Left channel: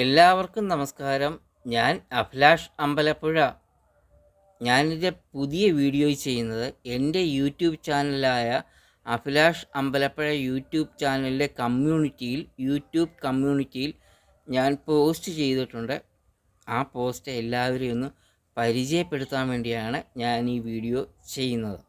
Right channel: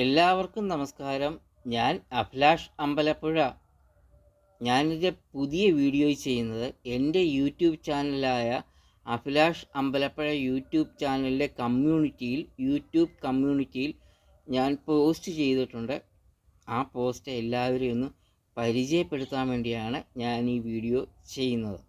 എല്ലാവർക്കും നമസ്കാരം. ഞാൻ അഭിലാഷ് അമ്പലപ്പുഴ. ഞാനിൻ്റെ പുതിയ വീഡിയോ ചെയ്യുന്നത് എൻ്റെ യൂട്യൂബ് ചാനലായ അഭിലാഷ് അമ്പലപ്പുഴ യൂട്യൂബ് ചാനലിൻ്റെ യൂട്യൂബ് കമ്മ്യൂണിറ്റിയിൽ ഞാൻ പോസ്റ്റ് ചെയ്തിട്ടുണ്ട്. ആ പോസ്റ്റ് എല്ലാവരെയും ഒന്ന് പരിചയപ്പെടുത്താൻ വേണ്ടിയാണ് ഞാൻ ഈ വീഡിയോ ചെയ്യുന്നത്.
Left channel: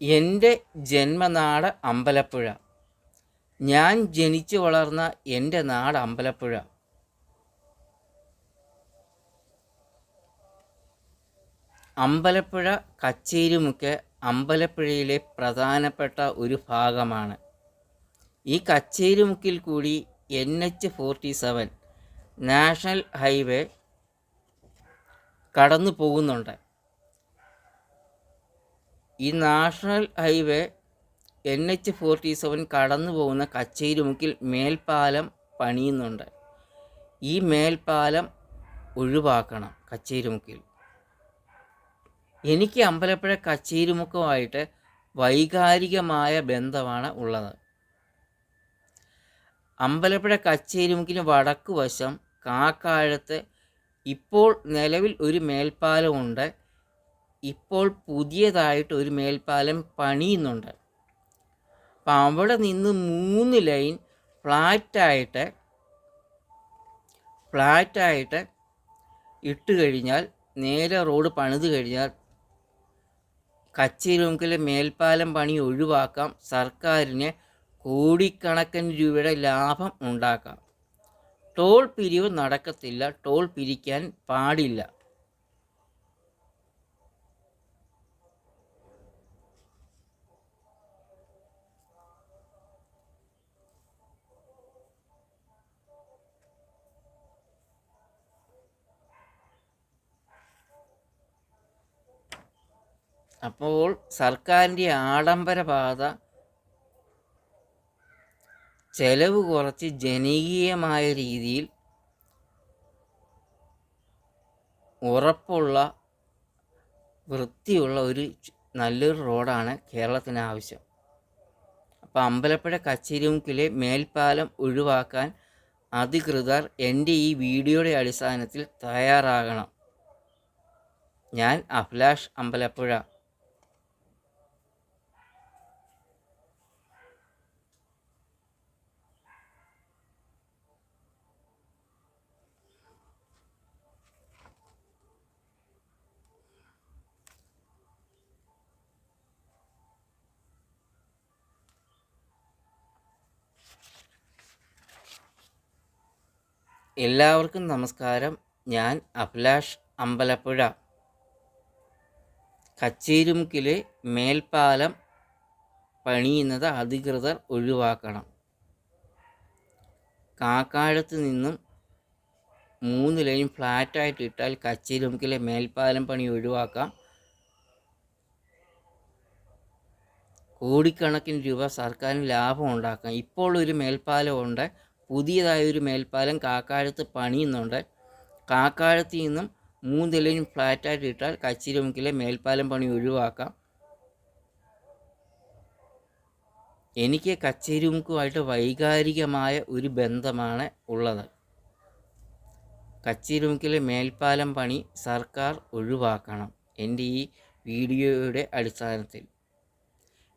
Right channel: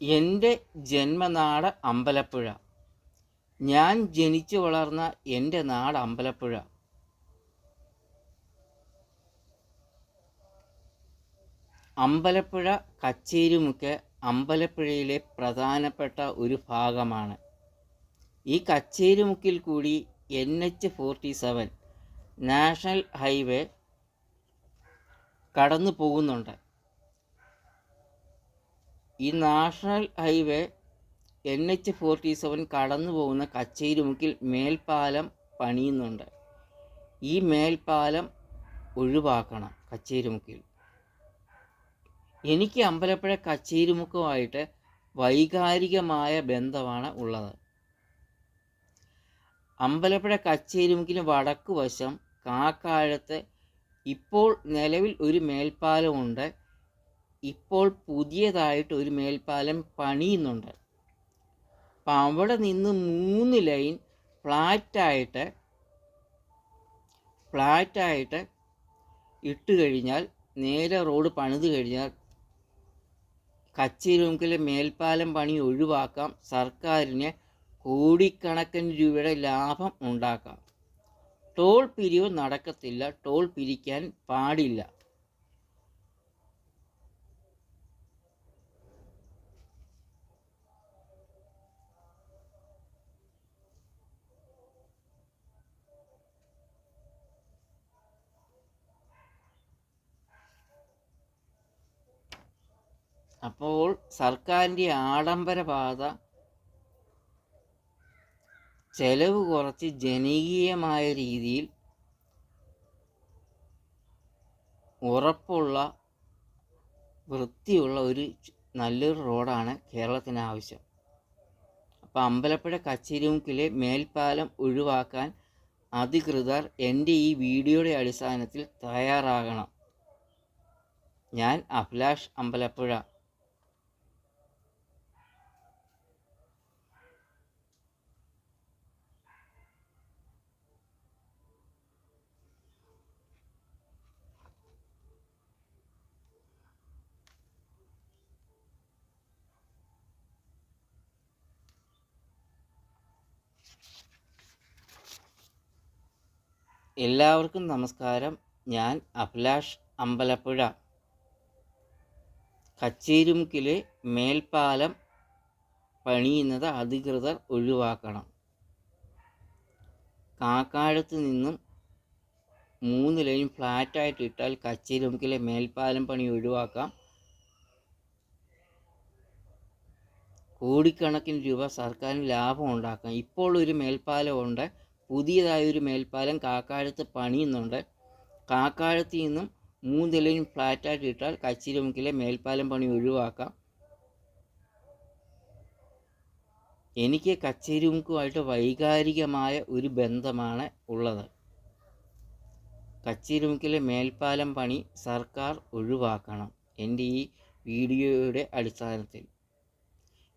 എൻ്റെ ജന്മനാട് അമ്പലപ്പുഴ. ഞാൻ ജനിച്ചു വളർന്ന എൻ്റെ നാട് അമ്പലപ്പുഴ. അമ്പലപ്പുഴ കച്ചേരിമുക്ക് അമ്പലപ്പുഴയിലെ പ്രധാനപ്പെട്ട ഒരു ഭാഗമാണ്. ഈ കച്ചേരിമുക്കിൽ കൂടി NH-47 നാഷണൽ ഹൈവേ കടന്നു പോകുന്നുണ്ട്. ഈ നാഷണൽ ഹൈവേ NH-47 കടന്നു പോകുന്ന കച്ചേരിമുക്കിൽ മേൽപ്പാലം പണിയുന്നുണ്ട്. ഈ മേൽപ്പാലം ഒഴിവാക്കണം കച്ചേരിമുക്കിൽ. എനിക്ക് അമ്പലപ്പുഴ കച്ചേരിമുക്കുമായിട്ട് വൈകാരികമായ ബന്ധമാണ് ഉള്ളത്. അമ്പലപ്പുഴ കച്ചേരിമുക്കിന് വടക്ക് വശം കാക്കാഴത്ത് ഇപ്പോൾ നിലവിൽ ഒരു മേൽപ്പാലമുണ്ട്. ഇപ്പോൾ പുതിയതായിട്ട് ഒരു മേൽപ്പാലം പണിയുന്നുണ്ട്. അപ്പം അവിടെ നിന്ന് 3 ലൈൻ ഫ്ലാറ്റായിട്ട് ഇട്ട് കഴിഞ്ഞാൽ, നേരെ റോഡ് പണിത് കഴിഞ്ഞാൽ കച്ചേരിമുക്കിലെ മേൽപ്പാലം പണി ഒഴിവാക്കാം. സർക്കാരിന് കോടിക്കണക്കിന് രൂപയുടെ ലാഭം ഉണ്ടാക്കാം. ടോൾ പിരിവ് നടക്കത്തില്ല, ടോൾ പിരിക്കാൻ പാടില്ല. അപ്പോൾ സർക്കാരിൻ്റെ ആഡംബര പാത ചെലവ് കുറച്ച് ജനകീയമായ രീതിയിൽ ഉറപ്പുള്ള വൃത്തിയുള്ള ഒരു നല്ലൊരു റോഡാണ് കേരളത്തിന് ആവശ്യം. അപ്പോൾ അമ്പലപ്പുഴ കച്ചേരിമുക്കിലെ മേൽപ്പാലം ഒഴിവാക്കാൻ അധികൃതർ എൻ്റെ ഈ വീഡിയോയുടെ അടിസ്ഥാനത്തിൽ തയ്യാറാകണം. ഞാൻ അഭിലാഷ് അമ്പലപ്പുഴ. എല്ലാവർക്കും നമസ്കാരം. ഞാൻ അഭിലാഷ് അമ്പലപ്പുഴ. കച്ചേരിമുക്കിലെ മേൽപ്പാലം പണിയുന്നത് അധികൃതർ ഒഴിവാക്കണം. കാക്കാഴത്ത് നിന്നും 3 ലൈൻ ഫ്ലാറ്റായിട്ട് ഇട്ടാൽ കച്ചേരിമുക്കിലെ മേൽപ്പാലം പണി ഒഴിവാക്കാം. കോടിക്കണക്കിന് രൂപ സർക്കാരിന് ലാഭം ഉണ്ടാക്കാം. ഇപ്പോൾ ഒരു മേൽപ്പാലമുണ്ട്, പുതിയതായൊരു മേൽപ്പാലം കാക്കാഴത്ത് പണിയുന്നുണ്ട്. കാക്കാഴത്ത് നിന്നും 3 ലൈൻ ഫ്ലാറ്റായിട്ട് ഇട്ടാൽ കച്ചേരിമുക്കിലെ മേൽപ്പാലം പണി ഒഴിവാക്കാം. എനിക്ക് കച്ചേരിമുക്കുമായിട്ട് വൈകാരികമായ ഒരു ബന്ധമാണ് ഉള്ളത്. കച്ചേരിമുക്കിലെ മേൽപ്പാലം പണി സർക്കാർ ഒഴിവാക്കണം എൻ്റെ ഈ വീഡിയോയുടെ അടിസ്ഥാനത്തിൽ.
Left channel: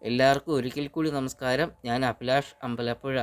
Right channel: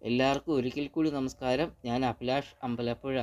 എല്ലാവർക്കും ഒരിക്കൽ കൂടി നമസ്കാരം. ഞാൻ അഭിലാഷ് അമ്പലപ്പുഴ.